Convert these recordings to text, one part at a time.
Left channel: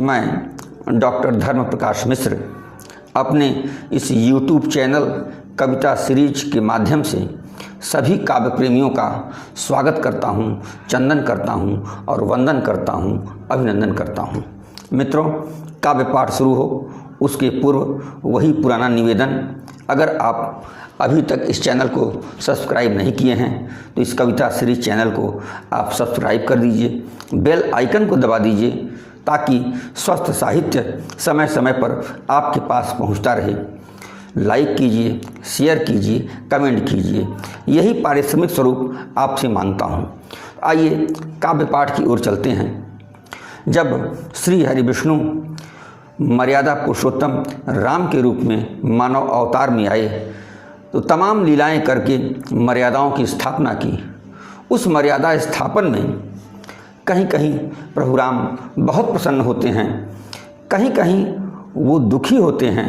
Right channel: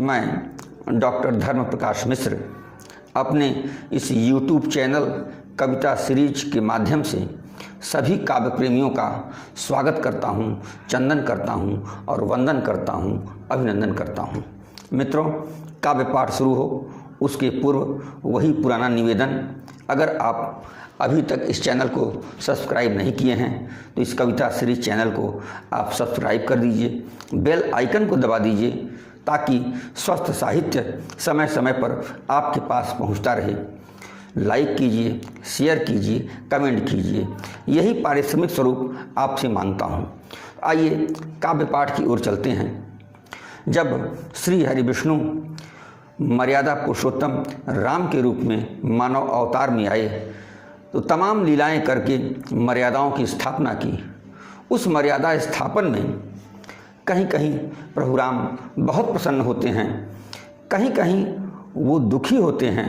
मैं डॉक्टर धर्म प्रकाश मिश्र अपने इस YouTube चैनल कविता सीरीज के माध्यम से सभी काव्य प्रेमियों का स्वागत करता हूँ, चंदन करता हूँ और वंदन करता हूँ, अभिनंदन करता हूँ। मित्रों, काव्य पाठ शुरू हो उसके पूर्व वही पुराना निवेदन, अगर आप अभी तक इस चैनल को सब्सक्राइब नहीं किए हैं तो इस कविता सीरीज चैनल को आप सब्सक्राइब कर दीजिए, बेल आइकन को दबा दीजिए ताकि स्वस्थ साहित्य समय समय पर आपके पास पहुंचता रहे। लाइक कीजिए, शेयर कीजिए, कमेंट कीजिए, यही पारिश्रमिक स्वरूप आपसे मांगता हूं। आइए काव्य पाठ की ओर चलते हैं। जब श्री हरि विष्णु मर्यादा पुरुषोत्तम राम के रूप में मानव अवतार में आए तो तमाम लीलाएं करके मर्यादाओं की स्थापना की। उस मर्यादा स्थापन में कहीं कहीं प्रभु राम बहुत प्रसन्न होते हैं, कहीं कहीं वो दुखी होते हैं,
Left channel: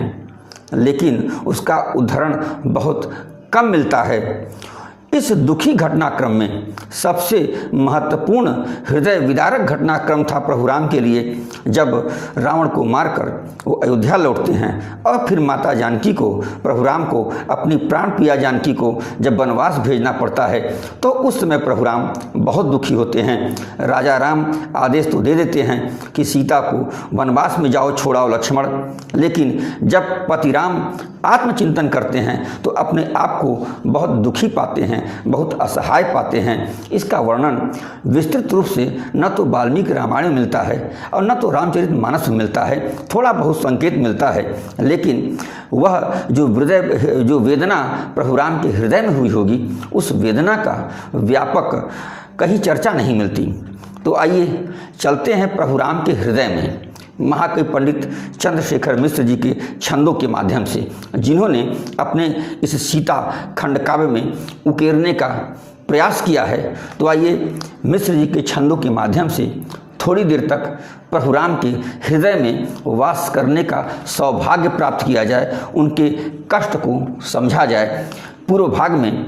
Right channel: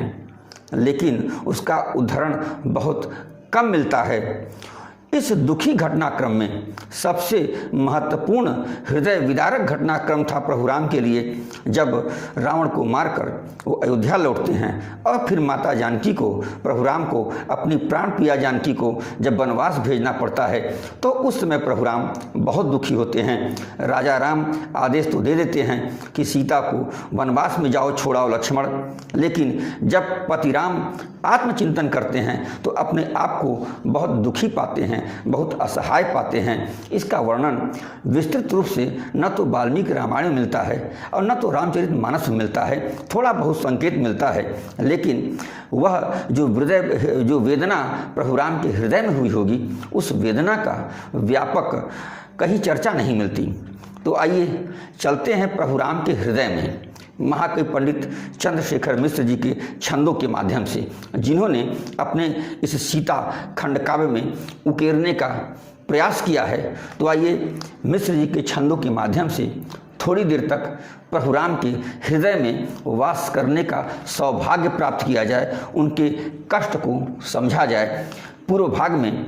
लेकिन उसका उदाहरण बहुत कम मिलता है। इस दुखी घटनाक्रम में सबसे महत्वपूर्ण हृदय विदारक घटनाक्रम था प्रभु राम के लिए जब रावण को मारकर वो अयोध्या लौटते हैं और फिर माता जानकी को, प्रभु राम को, अपनी प्राण प्रिया जानकी को जब वनवास भेजना पड़ता है तो उस समय प्रभु राम बहुत दुखी होते हैं। राजा राम आदेश तो दे देते हैं कि सीता को वनवास में जाओ, छोड़ाओ लक्ष्मण, लेकिन जब पति राम आत्मचिंतन करते हैं तो अपने आप को बहुत दुखी पाते हैं, बहुत असहाय पाते हैं। इसका वर्णन विस्तृत रूप से न तो वाल्मीकि रामायण में मिलता है और न तो रामचरितमानस में मिलता है, थोड़ा बहुत संकेत मिलता है, लेकिन वह जो वेदना प्रभु राम के हृदय में हुई होगी उस वेदना का व्यापक कहीं चर्चा नहीं मिलती। तो आइए चलते हैं प्रभु राम के हृदय में महाकवि पंडित चंद्रशेखर मिश्र जी के छंदों के माध्यम से, जिन्होंने अपने इस सीता खंड काव्य में उकेरने का प्रयास किया है। तो आइए मिश्र जी के छंदों के माध्यम से थोड़ी देर तक प्रभु राम के हृदय में वास करने का सौभाग्य प्राप्त किया जाए, उनके कष्ट को समझा जाए। पूर्व भाग में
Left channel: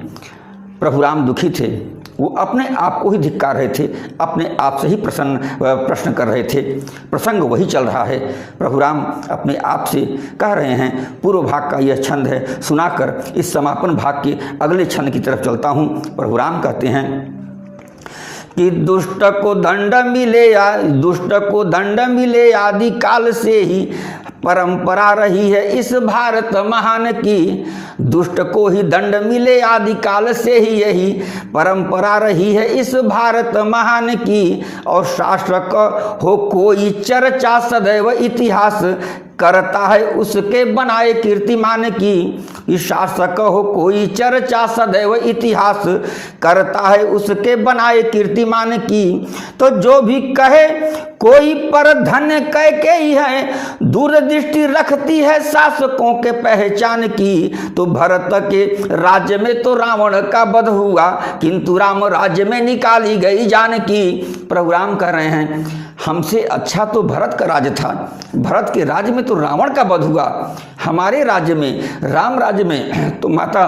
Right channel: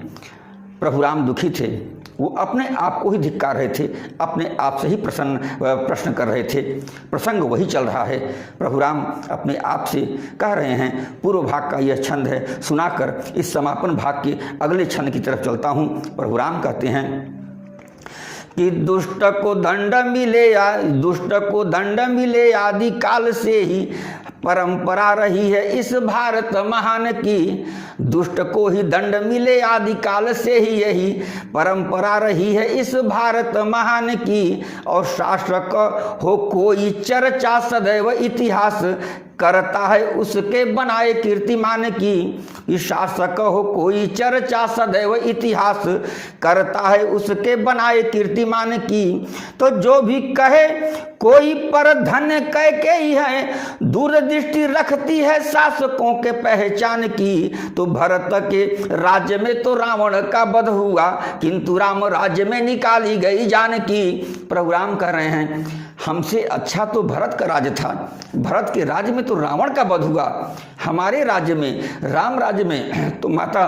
प्रभु राम दुखी थे, वो अपने आप को ही धिक्कार रहे थे, अपने आप से ही प्रश्न कर रहे थे। प्रसंग वही चल रहा है। प्रभु राम अपने आप से कह रहे हैं। पूर्व भाग का यह छंद है, सुनाकर इस समापन भाग के अगले छंद की तरफ चलता हूँ। प्रभु राम कहते हैं कि दुष्ट को दंड मिले आदि काल से ही परंपरा रही है इस भारत महान की। दुष्ट को ही दंड मिले आदि काल से ही यही परंपरा रही है इस भारत महान की। और शासक हो कोई चर्चा सदैव इतिहास करता है उसके बनाए कीर्तिमान की। शासक हो कोई चर्चा सदैव इतिहास करता है उसके बनाए कीर्तिमान की। तो जो भी कहे कोई पर धन्य कह के ही है, दूरदृष्टि रखती है शासकों के पहचान की। तो भरत के राज्य में तो रावण का वध हुआ, किंतु राम राज्य में निकाली गई जानकी। प्रभु राम कह रहे हैं हमसे अच्छा तो भरत का राज्य था, भरत के राज्य में तो रावण का वध हुआ, हमारे राज्य में, राम राज्य में तो माता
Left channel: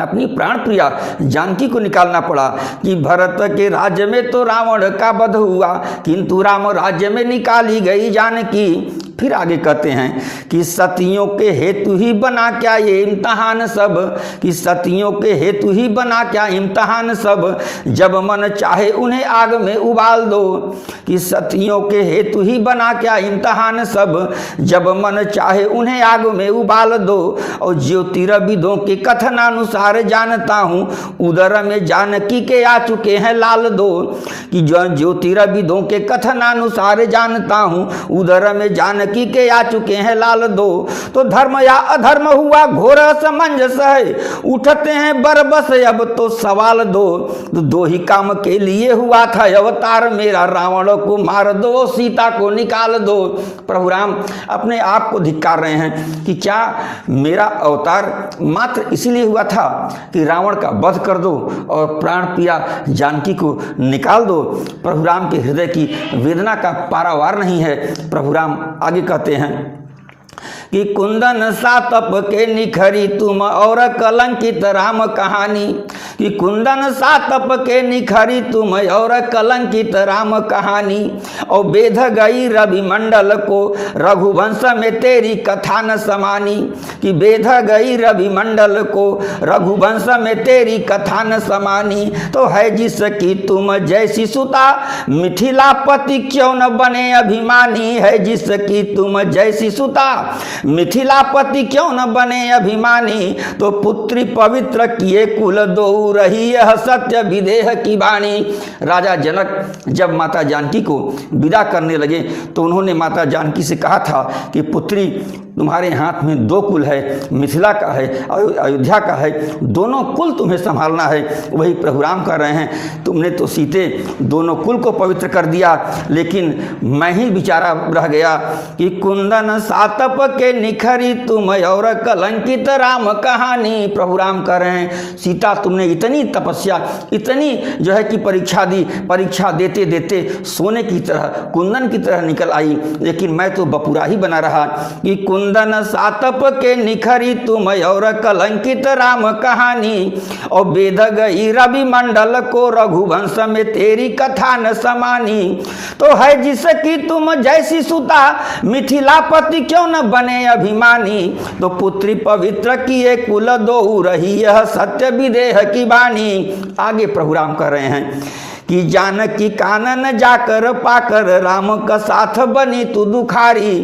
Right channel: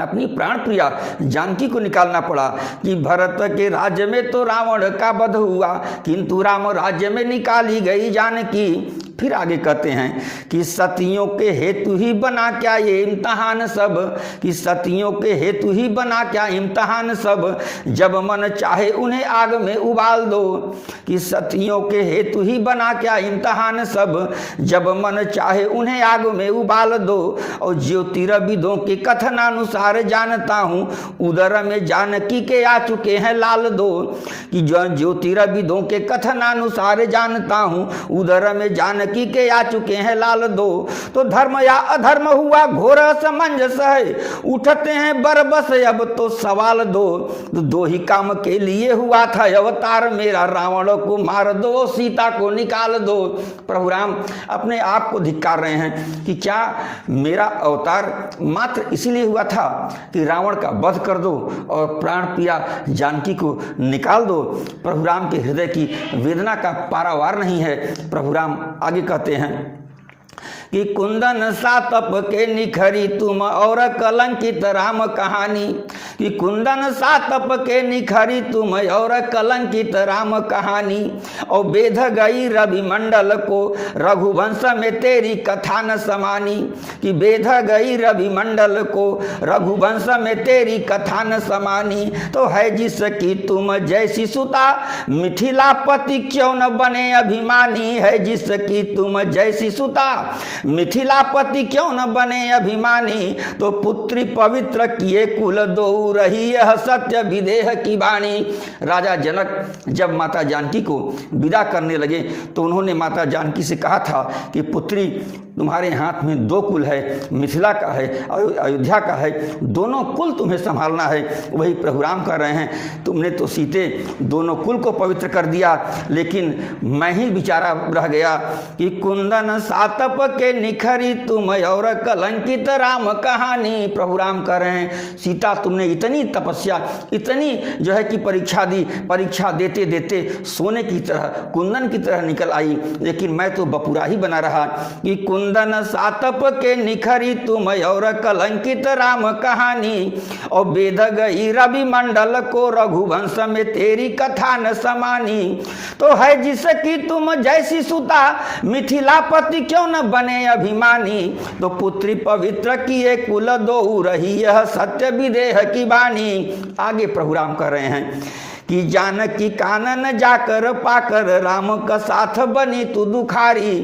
अपनी प्राण प्रिया जानकी को निकालना पड़ा। कि भरत के राज्य में तो रावण का वध हुआ, किंतु राम राज्य में निकाली गई जानकी। फिर आगे कहते हैं कि सतियों के हेतु ही बना क्या ये इम्तहान सब, कि सतियों के हेतु ही बना क्या इम्तहान सब, जब मन चाहे उन्हें आग में उबाल दो। कि सतियों के हेतु ही बना क्या इम्तहान सब, जब मन चाहे उन्हें आग में उबाल दो। और ज्योतिर्विदों के कथनानुसार जानता हूँ उदर में जानकी के आ चुके हैं लाल दो। कि जो ज्योतिर्विदों के कथनानुसार जानता हूँ उदर में जानकी के आ चुके हैं लाल दो। तो धर्म या अधर्म हुआ घोर असमंजस है, उठते हैं बरबस अब तो सवाल दो। तो दो ही काम के लिए हुआ था अवतार मेरा, रावण को मार दो, सीता को निकाल दो। प्रभु राम अपने आप को धिक्कार रहे हैं कि क्या मेरा अवतार मात्र इसीलिए हुआ था कि रावण का वध कर दो और प्राण प्रिया जानकी को निकाल दो। प्रभु राम के हृदय की वेदना का पारावार नहीं है। प्रभु राम आगे कहते हैं कि कुंदन सा तप के निखरी तुम और कलंकित राम कहानी। कि कुंदन सातप के निखरी तुम और कलंकित राम कहानी, और बेध गई रवि मंडल को रघुवंश में तेरी कथा न समानी, कि बेध गई रवि मंडल को रघुवंश में तेरी कथा न समानी। तो है जिसकी तुम जैसी सुता मिथिलापति क्यों न बने अभिमानी, है जिसकी तुम जैसी सुता मिथिलापति क्यों न बने अभिमानी। तो पुत्री पवित्र किए कुल दो रही यह सत्य विदेह की वाणी। राजा जनक जब माता जानकी को विदा करने लगे तो उन्होंने माता जानकी से कहा था कि पुत्री तुम्हारे हाथ में दो कुल है, मिथिला का है, अयोध्या का है, दोनों कुल तुम्हें संभालना है। वही प्रभु राम कर रहे हैं, तुमने तो सीते दोनों कुल को पवित्र कर दिया, लेकिन मैं ही बेचारा रह गया। कि कुंदन सातप के निखरी तुम और कलंकित राम कहानी। प्रभु राम कर रहे हैं, सीता तुमने इतनी तपस्या, इतनी जो है कि परीक्षा दी, परीक्षा देते देते सोने की तरह, कुंदन की तरह निकल आई, लेकिन मैं तो बपुरा ही बना रहा। कि कुंदन सातप के निखरी तुम और कलंकित राम कहानी, और बेध गई रवि मंडल को रघुवंश में तेरी कथा न समानी। तो है जिसकी तुम जैसी सुता मिथिलापति क्यों न बने अभिमानी। तो पुत्री पवित्र किए कुल दो रही यह सत्य विदेह की वाणी। आगे प्रभु राम कर रहे हैं कि जानकी कानन जाकर पाकर राम का साथ बनी तू दुखारी।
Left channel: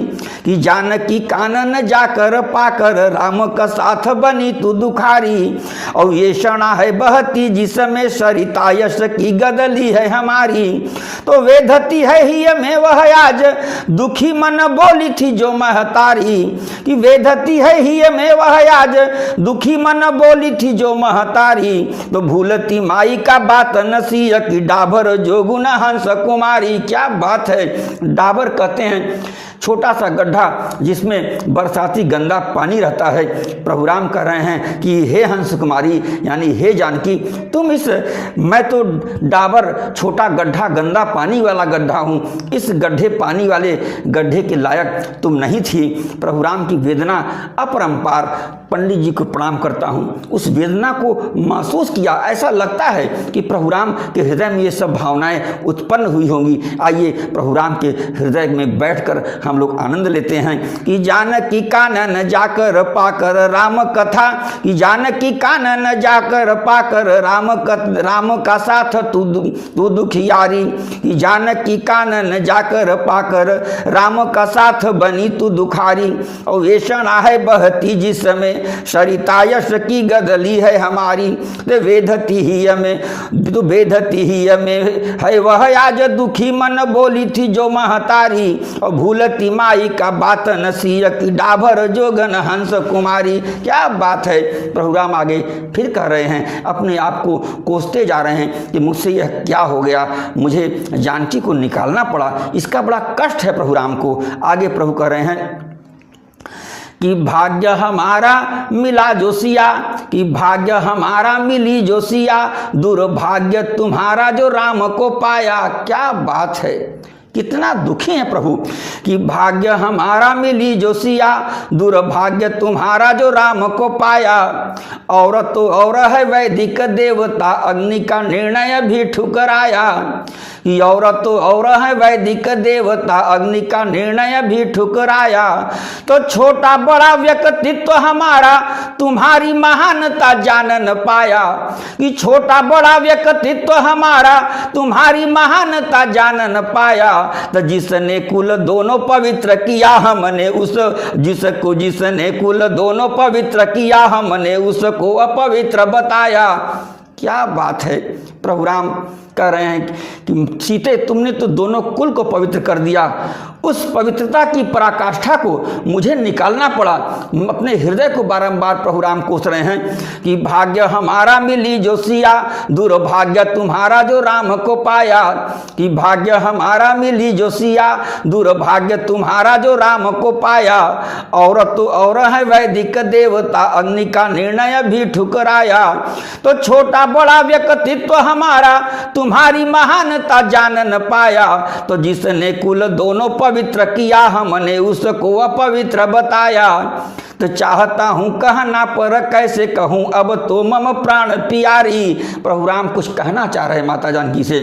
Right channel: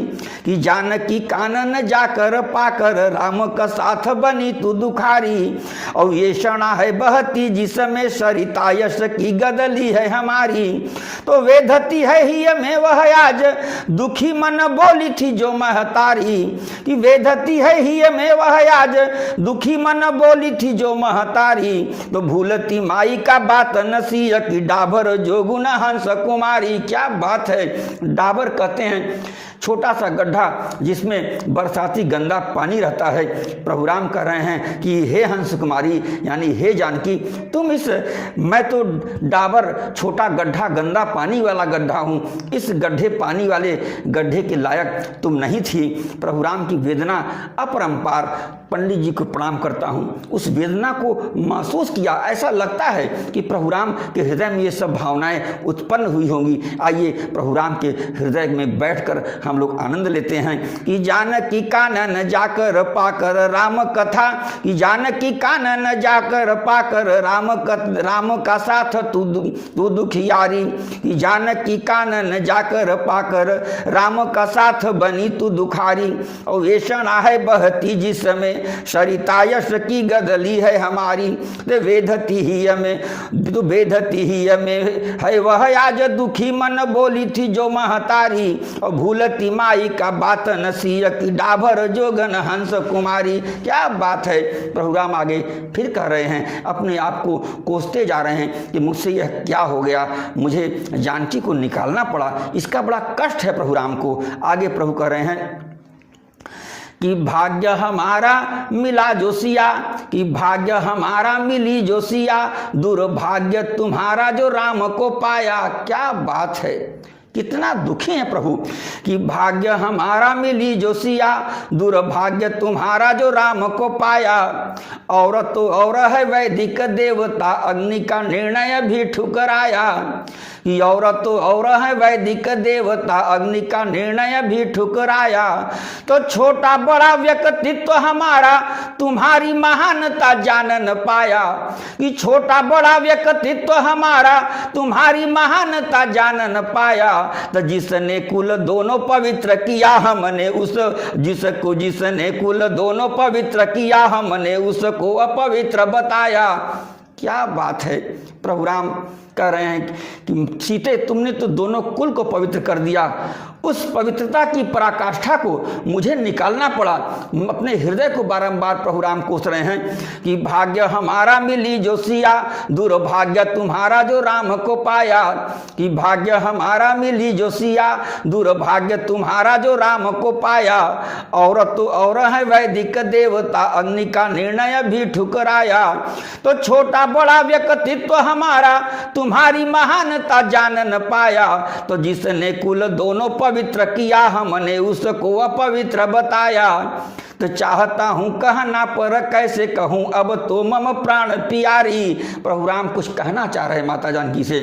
कि जानकी कानन जाकर पाकर राम का साथ बनी तू दुखारी, और ये क्षणा है बहती जिसमें सरिता यश की गदली है हमारी। तो वेधती है ही में वह आज दुखी मन बोली थी जो महतारी। कि वेधती है ही में वह आज दुखी मन बोली थी जो महतारी। तो भूलती माई का बात नसीह की डाबर जोगुन हंस कुमारी। क्या बात है, डाबर कहते हैं छोटा सा गड्ढा जिसमें बरसाती गंदा पानी रहता है। प्रभु राम कह रहे हैं कि हे हंस कुमारी यानी हे जानकी, तुम इस, मैं तो डाबर छोटा गड्ढा, गंदा पानी वाला गड्ढा हूँ, इस गड्ढे पानी वाले गड्ढे के लायक तुम नहीं थी। प्रभु राम की वेदना अपरंपार। पंडित जी को प्रणाम करता हूँ, उस वेदना को महसूस किया। ऐसा लगता है कि प्रभु राम के हृदय में ये सब भावनाएं उत्पन्न हुई होंगी। आइए प्रभु राम के हृदय में बैठकर हम लोग आनंद लेते हैं। कि जानकी कानन जाकर पाकर राम कथा, कि जानकी कानन जाकर पाकर राम का साथ तू दुखियारी। कि जानकी कानन जाकर पाकर राम का साथ बनी तू दुखारी, और ये क्षणा है बहती जिसमें सरिता यश की गदली है हमारी। वेधती ही हमें, तो वेधती ही हमें है वह आज दुखी मन बोली थी जो महतारी, और भूलती माई का बात नसीह की डाभर जोगन हंस कुमारी। क्या बात है। प्रभु राम आगे फिर कह रहे हैं, अपने आप को कोसते जा रहे हैं कि मुझसे यह क्या हो गया, मुझे जानकी को निकालना पड़ा, इसका बड़ा कष्ट है प्रभु राम को। आगे प्रभु कह रहे हैं कि भाग्य हमारा मिला जोशिया, कि भाग्य हमारा मिली जोशिया, दुर्भाग्य तुम्हारा जो राम को पाया। क्या बात है, कितना दुखी है प्रभु। कि भाग्य हमारा मिली जोशिया, दुर्भाग्य तुम्हारा जो राम को पाया, और तो और है वैदिक देवता अग्नि का निर्णय भी ठुकराया। और तो और है वैदिक देवता अग्नि का निर्णय भी ठुकराया। तो छोटा बड़ा व्यक्तित्व हमारा तुम्हारी महानता जान न पाया। कि छोटा बड़ा व्यक्तित्व हमारा तुम्हारी महानता जान न पाया। तो जिसने कुल दोनों पवित्र किया हमने उस, जिसने कुल दोनों पवित्र किया हमने उसको अपवित्र बताया। क्या बात है। प्रभु राम कह रहे हैं कि सीते तुमने तो दोनों कुल को पवित्र कर दिया, उस पवित्रता की पराकाष्ठा को मुझे निकालना पड़ा। अपने हृदय को बारंबार प्रभु राम कोस रहे हैं कि भाग्य हमारा मिली जोशिया, दुर्भाग्य तुम्हारा जो राम को पाया। कि भाग्य हमारा मिली जोशिया, दुर्भाग्य तुम्हारा जो राम को पाया। और तो और है वैदिक देवता अग्नि का निर्णय भी ठुकराया। तो छोटा बड़ा व्यक्तित्व हमारा तुम्हारी महानता जान न पाया। तो जिसने कुल दोनों पवित्र किया हमने उसको अपवित्र बताया। तो चाहता हूँ कहना पर कैसे कहूँ अब तो मम प्राण प्यारी। प्रभु राम कुछ कहना चाह रहे माता जानकी से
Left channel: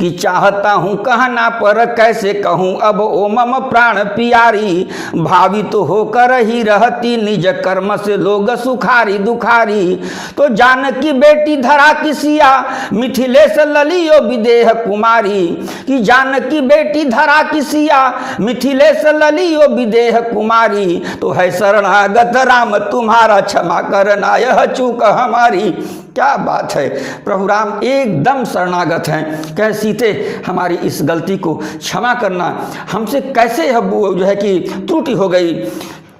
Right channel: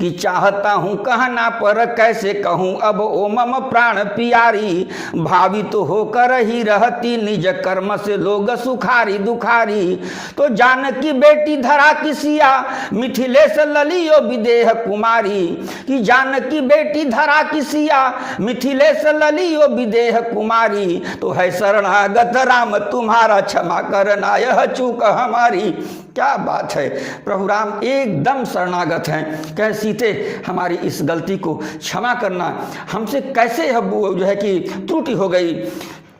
कि चाहता हूँ कहना पर कैसे कहूँ अब ओ मम प्राण प्यारी। भावित तो होकर ही रहती निज कर्म से लोग सुखारी दुखारी। तो जानकी बेटी धरा किसिया मिथिलेश ललियो विदेह कुमारी। कि जानकी बेटी धरा किसिया मिथिलेश ललियो विदेह कुमारी। तो है शरणागत राम तुम्हारा क्षमा करना यह चूक हमारी। क्या बात है, प्रभु राम एकदम शरणागत हैं। कह सीते हमारी इस गलती को क्षमा करना, हमसे कैसे जो है कि त्रुटि हो गई।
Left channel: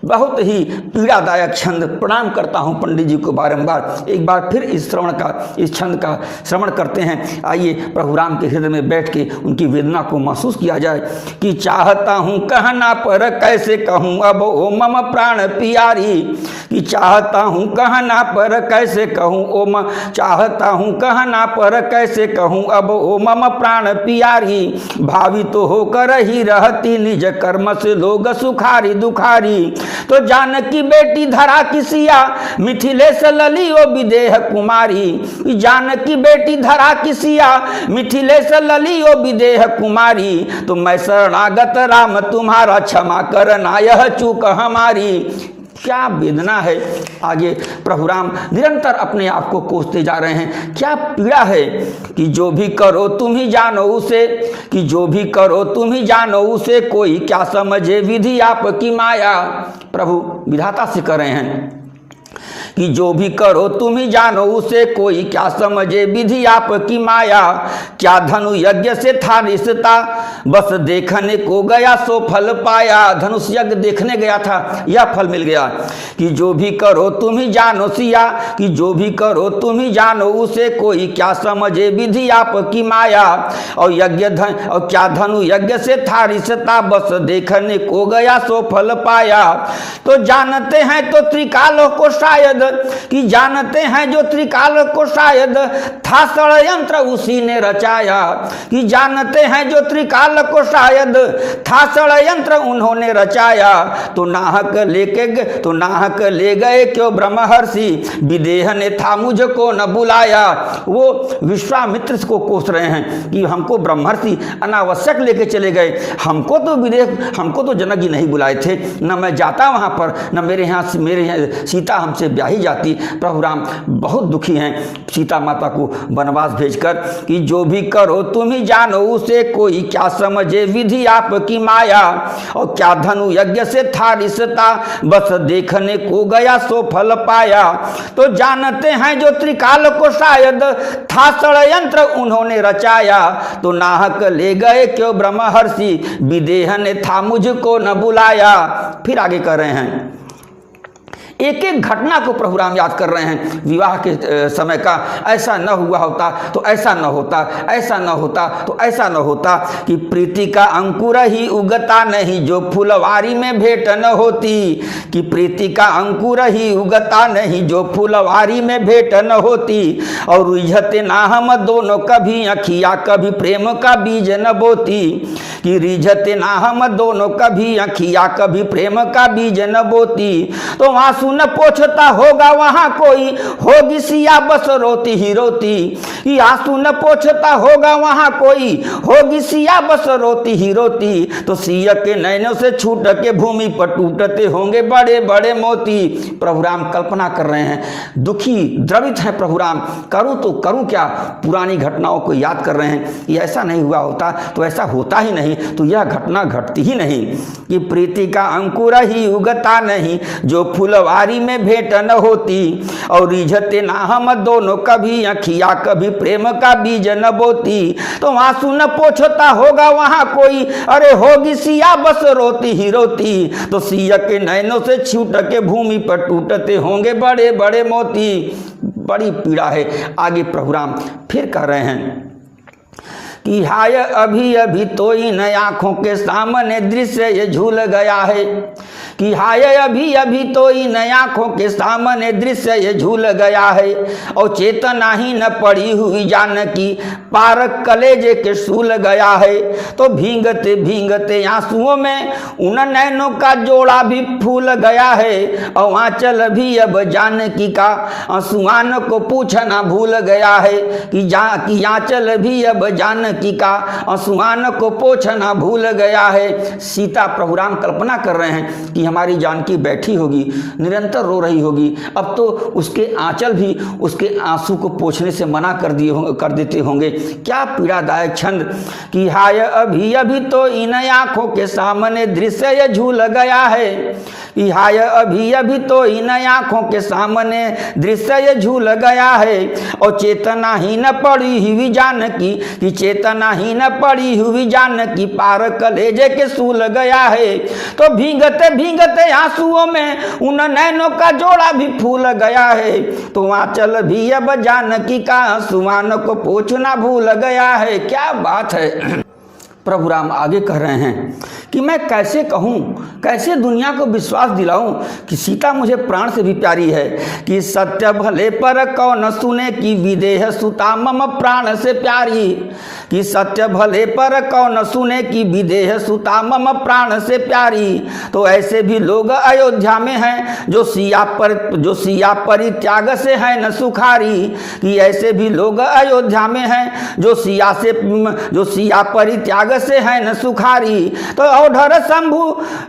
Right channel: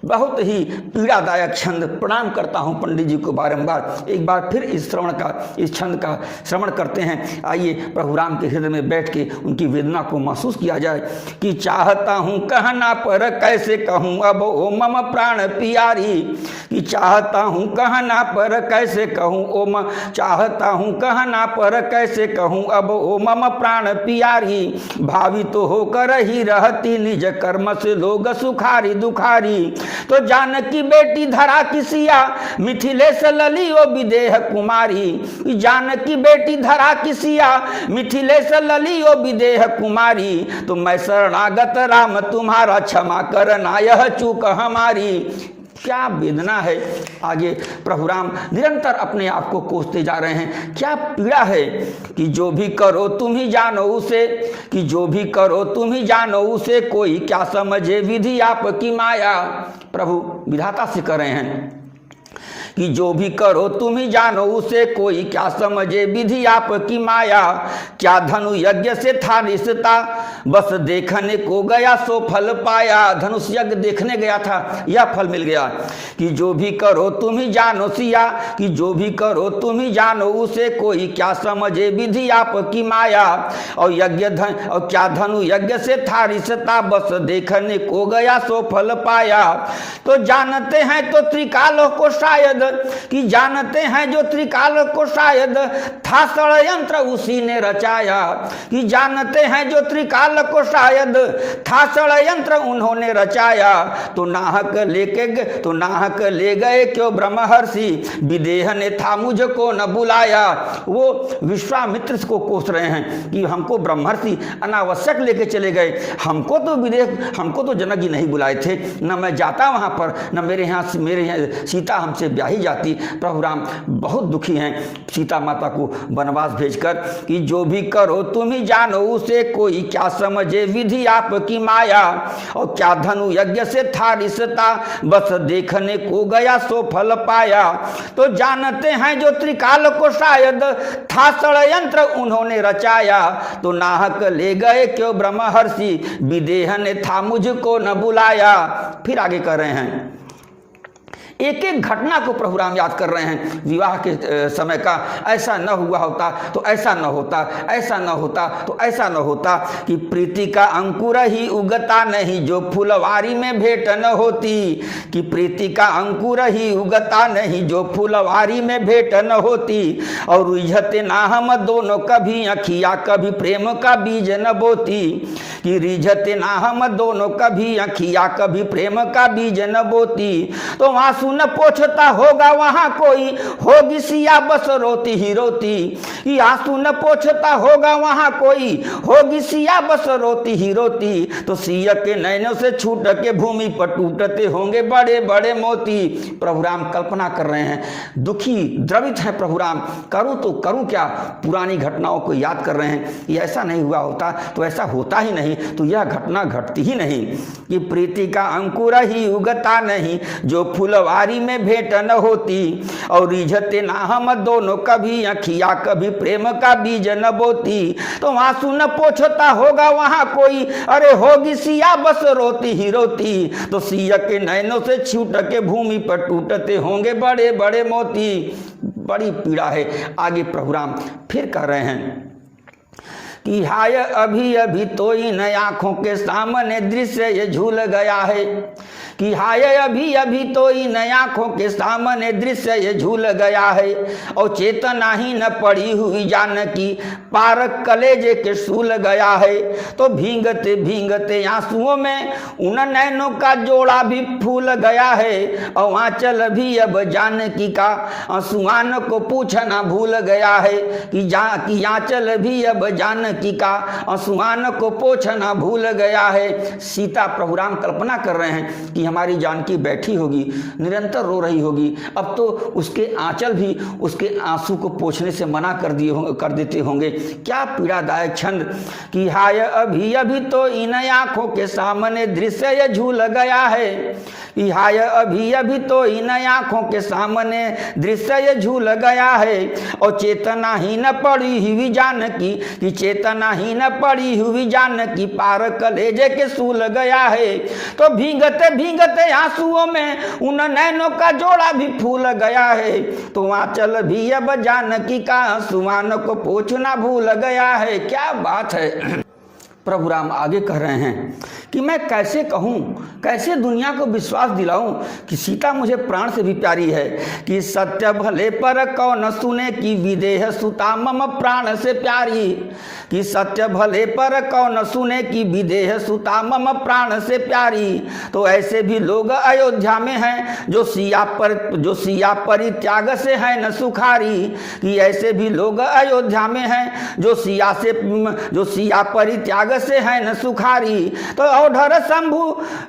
बहुत ही पीड़ादायक छंद। प्रणाम करता हूँ पंडित जी को बारंबार। एक बार फिर इस छंद का श्रवण करते हैं। आइए प्रभु राम के हृदय में बैठ के उनकी वेदना को महसूस किया जाए। कि चाहता हूँ कहना पर कैसे कहूँ अब ओ मम प्राण प्यारी। कि चाहता हूँ कहना पर कैसे कहूँ चाहता हूँ कहना पर कैसे कहूँ अब ओ मम प्राण प्यारी। भावित तो होकर ही रहती निज कर्म से लोग सुखारी दुखारी। तो जानकी बेटी धरा किसिया मिथिलेश ललियो विदेह कुमारी। जानकी बेटी धरा किसिया मिथिलेश ललियो विदेह कुमारी। तो मैं शरणागत राम तुम्हारा क्षमा करना यह चूक हमारी। क्या वेदना है। आगे प्रभु राम निरंतर अपने आप को कोसते जा रहे हैं। क्या पीड़ा है। कि जो भी करो तुम ही जानो उसे। कि जो भी करो तुम ही जानो उसे कोई क्या समझे विधि आपकी माया। प्रभु विधाता से कर रहे हैं कि जो भी करो तुम ही जानो उसे कोई क्या समझे विधि आपकी माया। क्या धनु यज्ञ से था रिश्ता बस देखने को गया सो फल पाया। धनुष यज्ञ देखने गया था, यह फल मिल गया। कि जो भी करो तुम ही जानो सिया। कि जो भी करो तुम ही जानो उसे कोई क्या समझे विधि आपकी माया। और क्या धनु यज्ञ से था रिश्ता बस देखने को गया सो फल पाया। तो जानते हैं तो त्रिकाल को शायद। कि जानते हैं जो त्रिकाल को शायद था षड्यंत्र उसी ने रचाया। कि जानते हैं जो त्रिकाल को शायद था षड्यंत्र उन्होंने रचाया। तो नाहक ले गए क्यों ब्रह्मर्षि विदेह ने था मुझको न बुलाया। वो विश्वामित्र को कोस रहे हैं कि हमको ब्रह्मर्षि अनावश्यक लेके चले गए। हमको तो जनक जी नहीं बुलाए थे, न मैं जाता वहां पर, न मेरे यहाँ सीता हमसे ब्याही जाती। प्रभु राम बहुत दुखी हैं सीता माता को वनवास भेजकर। कि जो भी करो तुम ही जानो उसे कोई क्या समझे विधि आपकी माया। और क्या धनु यज्ञ से था रिश्ता बस देखने को गया सो फल पाया। तो जानते हैं जो त्रिकाल को शायद था षड्यंत्र उन्होंने रचाया। तो नाहक ले गए क्यों ब्रह्मर्षि विदेह ने था मुझको न बुलाया। फिर आगे कर रहे हैं, एक एक घटना को प्रभु राम याद कर रहे हैं। विवाह के समय का ऐसा न हुआ होता तो ऐसा न होता, ऐसा न होता तो ऐसा न होता। कि प्रीति का अंकुर ही उगता नहीं जो फुलवारी में भेंट न होती। कि प्रीति का अंकुर ही उगता नहीं जो फुलवारी में भेंट न होती। और रिझते ना हम दोनों कभी अखिया कभी प्रेम का बीज न बोती। कि रिझते ना हम दोनों कभी अखिया कभी प्रेम का बीज न बोती। तो आंसू न पोछता होगा वहां कोई होगी सिया बस रोती ही रोती। कि आंसू न पोछता होगा वहां कोई होगी सिया बस रोती ही रोती। तो सिया के नैनों से छूट के भूमि पर टूटते होंगे बड़े बड़े मोती। प्रभु राम कल्पना कर रहे हैं, दुखी द्रवित है प्रभु राम। करूं तो करूं क्या, पुरानी घटनाओं को याद कर रहे हैं। ये ऐसा नहीं हुआ होता तो ऐसा होता ही नहीं, तो यह घटना घटती ही नहीं। कि प्रीति का अंकुर ही उगता नहीं जो फुलवारी में भेंट न होती। और रिझते ना हम दोनों कभी अखिया कभी प्रेम का बीज न बोती। तो आंसू न पोछता होगा वहां कोई अरे होगी सिया बस रोती ही रोती। तो सिया के नैनों से छूट के भूमि पर टूटते होंगे बड़े बड़े मोती। बड़ी पीड़ा है। आगे प्रभु राम फिर कह रहे हैं कि हाय अभी अभी तो इन आंखों के सामने दृश्य ये झूल गया है। कि हाय अभी अभी तो इन आंखों के सामने दृश्य ये झूल गया है, और चेतना ही न पड़ी हुई जानकी पार कलेजे के सूल गया है। तो भींगते भींगते आंसुओं में उन नैनों का जोड़ा भी फूल गया है, और आंचल भी अब जानकी का आंसुआन को पूछना भूल गया है, कि आंचल भी अब जानकी का आंसुआन को पोछना भूल गया है। सीता प्रभु राम कल्पना कर रहे हैं कि हमारी जानकी बैठी होगी, निरंतर रो रही होगी, अब तो उसके आंचल भी उसके आंसू को पोंछने से मना कर देते होंगे। क्या पीड़ादायक छंद कि हाय अभी अभी तो इन आंखों के सामने दृश्य ये झूल गया है, कि हाय अभी अभी तो इन आंखों के सामने दृश्य ये झूल गया है, और चेतना ही न पड़ी हुई जानकी, कि चेतना ही न पड़ी हुई जानकी पार कलेजे के सूल गया है। तो भींगते भींगते आंसुओं में उन नैनों का जोड़ा भी फूल गया है, तो आंचल भी अब जानकी का आंसुआन को पोंछना भूल गया है। क्या बात है। प्रभु राम आगे कह रहे हैं कि मैं कैसे कहूँ, कैसे दुनिया को विश्वास दिलाऊं कि सीता मुझे प्राण से भी प्यारी है, कि सत्य भले पर कौन सुने कि विदेह सुता मम प्राण से प्यारी, कि सत्य भले पर कौन सुने कि विदेह सुता मम प्राण से प्यारी। तो ऐसे भी लोग अयोध्या में हैं जो सिया परित्याग से है न सुखारी, कि ऐसे भी लोग अयोध्या में हैं जो सिया परित्याग से है न सुखारी। तो औढर शंभु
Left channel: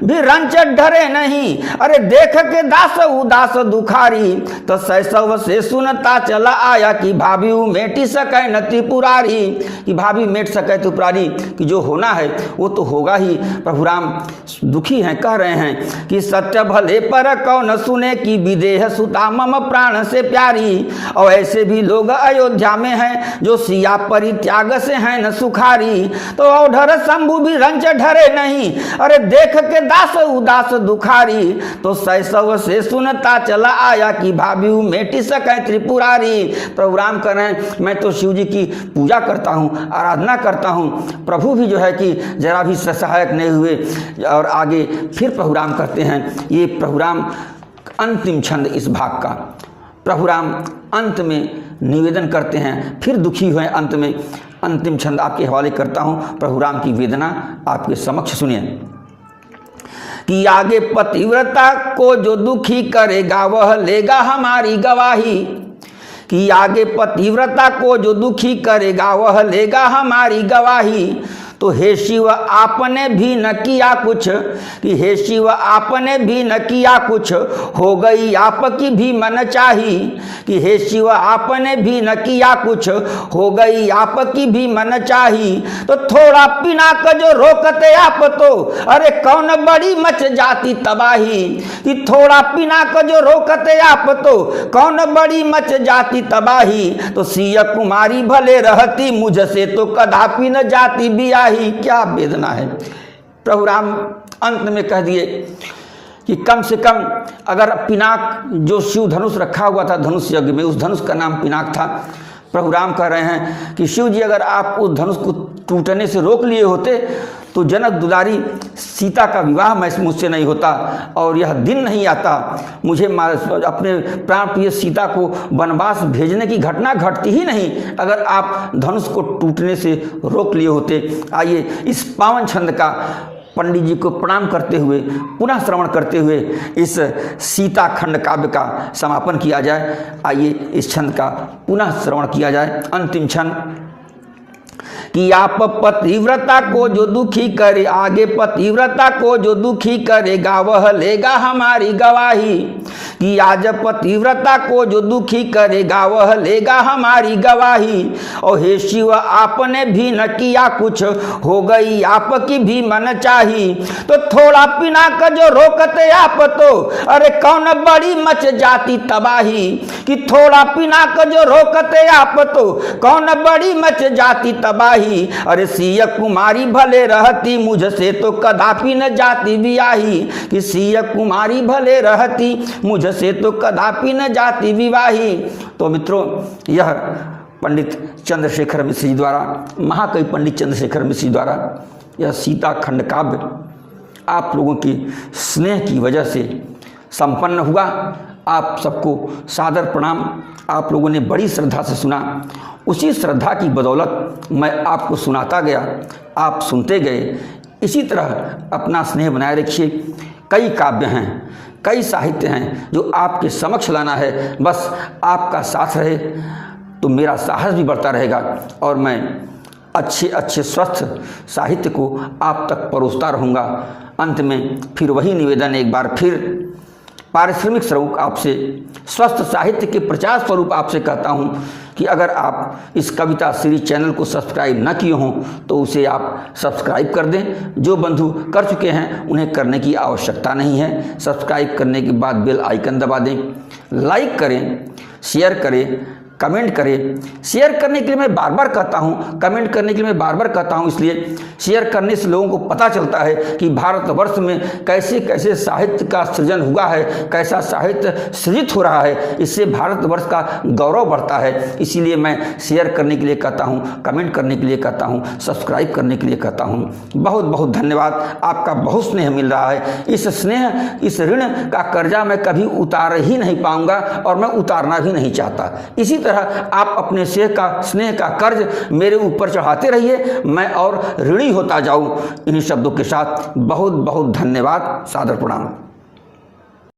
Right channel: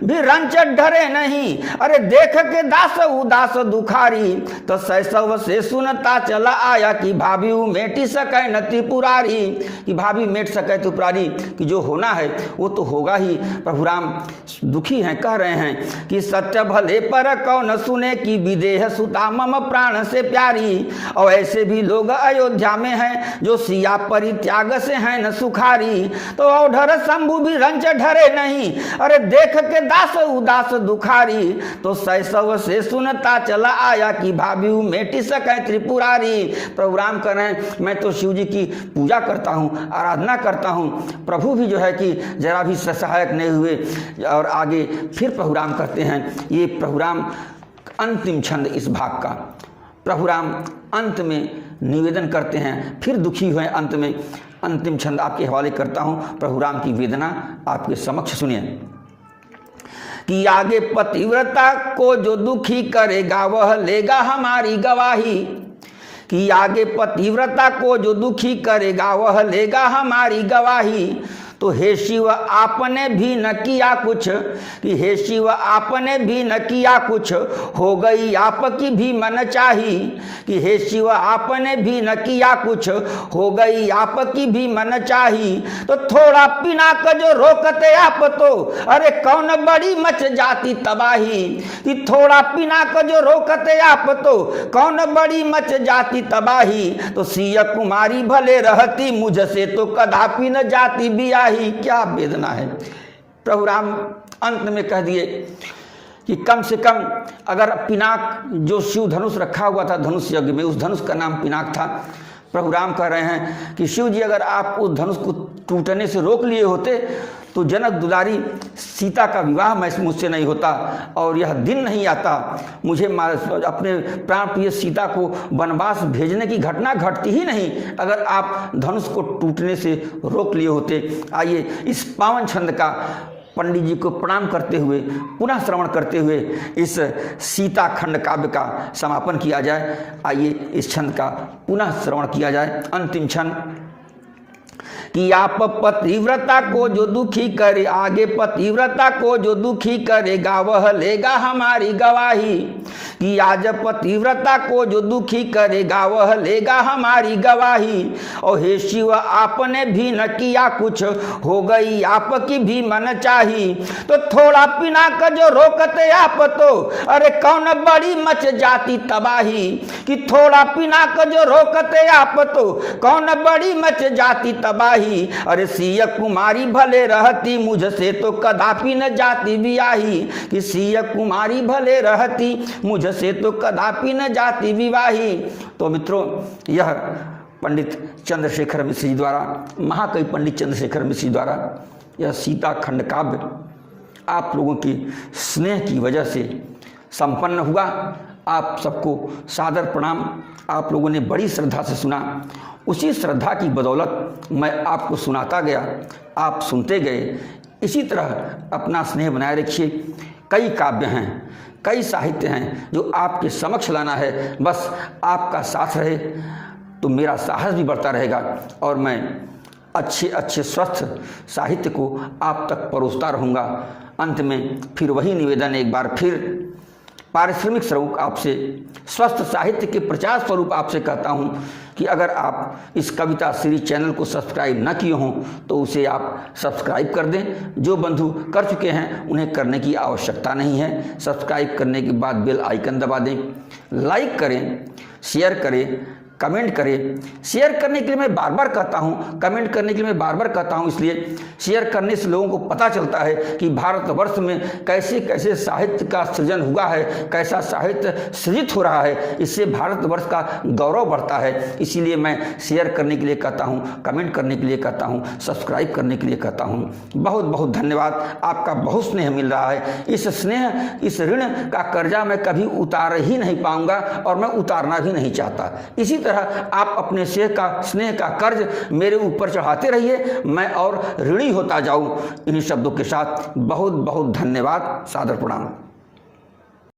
भी रंच डरे नहीं, अरे देख के दास उदास दुखारी। तो शैशव से सुनता चला आया कि भाभी मेटी सके न त्रिपुरारी, कि भाभी मेट सके त्रिपुरारी, कि जो होना है वो तो होगा ही। प्रभु राम दुखी हैं, कह रहे हैं कि सत्य भले पर कौन सुने कि विदेह सुता मम प्राण से प्यारी। और ऐसे भी लोग अयोध्या में हैं जो सिया परित्याग से हैं न सुखारी। तो औढर शंभु भी रंच ढरे नहीं, अरे देख के दास उदास दुखारी। तो शैशव से सुनता चला आया कि भाभी मेटी सके त्रिपुरारी। प्रभु राम कह रहे हैं मैं तो शिव जी की पूजा करता हूँ, आराधना करता हूँ, प्रभु भी जो है कि जरा भी सहायक नहीं हुए। और आगे फिर प्रभु राम कहते हैं, ये प्रभु राम अंतिम छंद इस भाग का, प्रभु राम अंत में निवेदन करते हैं, फिर दुखी हुए अंत में। अंतिम छंद आपके हवाले करता हूँ, प्रभु राम की वेदना आपके समक्ष सुनिए। कि आगे पतिव्रता को जो दुखी करेगा वह लेगा हमारी गवाही, कि आगे पतिव्रता को जो दुखी करेगा वह लेगा हमारी गवाही। तो हे शिव आपने भी न किया कुछ, कि हे शिव आपने भी न किया कुछ, हो गई आपकी भी मन चाही। कि हे शिव आपने भी न किया कुछ, हो गई आपकी भी मन चाही। तो थोड़ा पिनाक जो रोकते आप तो, अरे कौन बड़ी मच जाती तबाही। कि थोड़ा पिनाक जो रोकते आप तो, कौन बड़ी मच जाती तबाही। तो सिया कुमारी भले रहती मुझसे तो कदापि न जाती बिया। क्या वेदना है। प्रभु राम अंत में कह दिए कि कम से कम अगर पिनाक जो शिव धनुष रखा हुआ था धनुष यज्ञ में, उस धनुष का नाम पिनाक था। प्रभु राम कह रहे हैं कि शिव जी अगर आप उस धनुष को टूटने से रोक लिए होते तो जनक दुलारी सीता का विवाह मुझसे नहीं होता, और यह दिन नहीं आता मुझे अपने प्राण प्रिय सीता को वनवास भेजने की घटना घटती ही नहीं अगर आप धनुष को टूटने से रोक लिए होते। आइए इस पावन छंद का पंडित जी को प्रणाम करते हुए, पुनः श्रवण करते हुए इस सीता खंड काव्य का समापन किया जाए। आइए इस छंद का पुनः श्रवण किया जाए। अंतिम छंद कि आप पतिव्रता को जो दुखी करे, आगे पतिव्रता को जो दुखी करेगा वह लेगा हमारी गवाही। कि आज पतिव्रता को जो दुखी करेगा वह लेगा हमारी गवाही। और हे शिव आपने भी न किया कुछ, हो गई आपकी भी मन चाही। तो थोड़ा पिनाक जो रोकते आप तो, अरे कौन बड़ी मच जाती तबाही। कि थोड़ा पिनाक जो रोकते आप तो, कौन बड़ी मच जाती तबाही। अरे सिया कुमारी भले रहती मुझसे तो कदापि न जाती बियाही। कि सिया कुमारी भले रहती मुझसे तो कदापि न जाती विवाही। तो मित्रों, यह पंडित चंद्रशेखर मिश्र जी द्वारा, महाकवि पंडित चंद्रशेखर मिश्र जी द्वारा यह सीता खंड काव्य आप लोगों के स्नेह की वजह से संपन्न हुआ। आप सबको सादर प्रणाम। आप लोगों ने बड़ी श्रद्धा से सुना, उसी श्रद्धा की बदौलत मैं आपको सुनाता गया, आप सुनते गए। इसी तरह अपना स्नेह बनाए रखिए। कई काव्य हैं, कई साहित्य हैं जो आपके समक्ष लाना है। बस आपका साथ रहे तो मेरा साहस भी बढ़ता रहेगा और मैं अच्छे अच्छे स्वस्थ साहित्य को आप तक परोसता रहूँगा। अंत में फिर वही निवेदन, एक बार फिर पारिश्रमिक स्वरूप आपसे, स्वस्थ साहित्य के प्रचार स्वरूप आपसे कहता हूँ कि अगर आप इस कविता सीरीज चैनल को सब्सक्राइब न किए हों तो उसे आप सब्सक्राइब कर दें। जो बंधु कर चुके हैं उन्हें करने की आवश्यकता नहीं है। सब्सक्राइब करने के बाद बेल आइकन दबा दें, लाइक करें, शेयर करें, कमेंट करें। शेयर करने के लिए मैं बार बार कहता हूँ, कमेंट करने के लिए मैं बार बार कहता हूँ, इसलिए शेयर करने से लोगों को पता चलता है कि भारतवर्ष में कैसे कैसे साहित्य का सृजन हुआ है, कैसा साहित्य सृजित हो रहा है। इससे भारतवर्ष का गौरव बढ़ता है। इसीलिए मैं शेयर करने के लिए कहता हूँ, कमेंट करने के लिए कहता हूँ, सब्सक्राइब करने के लिए कहता हूँ। बहुत बहुत धन्यवाद। आपका बहुत स्नेह मिल रहा है। इस स्नेह, इस ऋण का कर्जा मैं कभी उतार ही नहीं पाऊंगा और मैं उतारना भी नहीं चाहता। इसी तरह आप अपने स्नेह का कर्ज मेरे ऊपर चढ़ाते रहिए, मैं और ऋणी होता जाऊं। इन्हीं शब्दों के साथ बहुत बहुत धन्यवाद। सादर प्रणाम।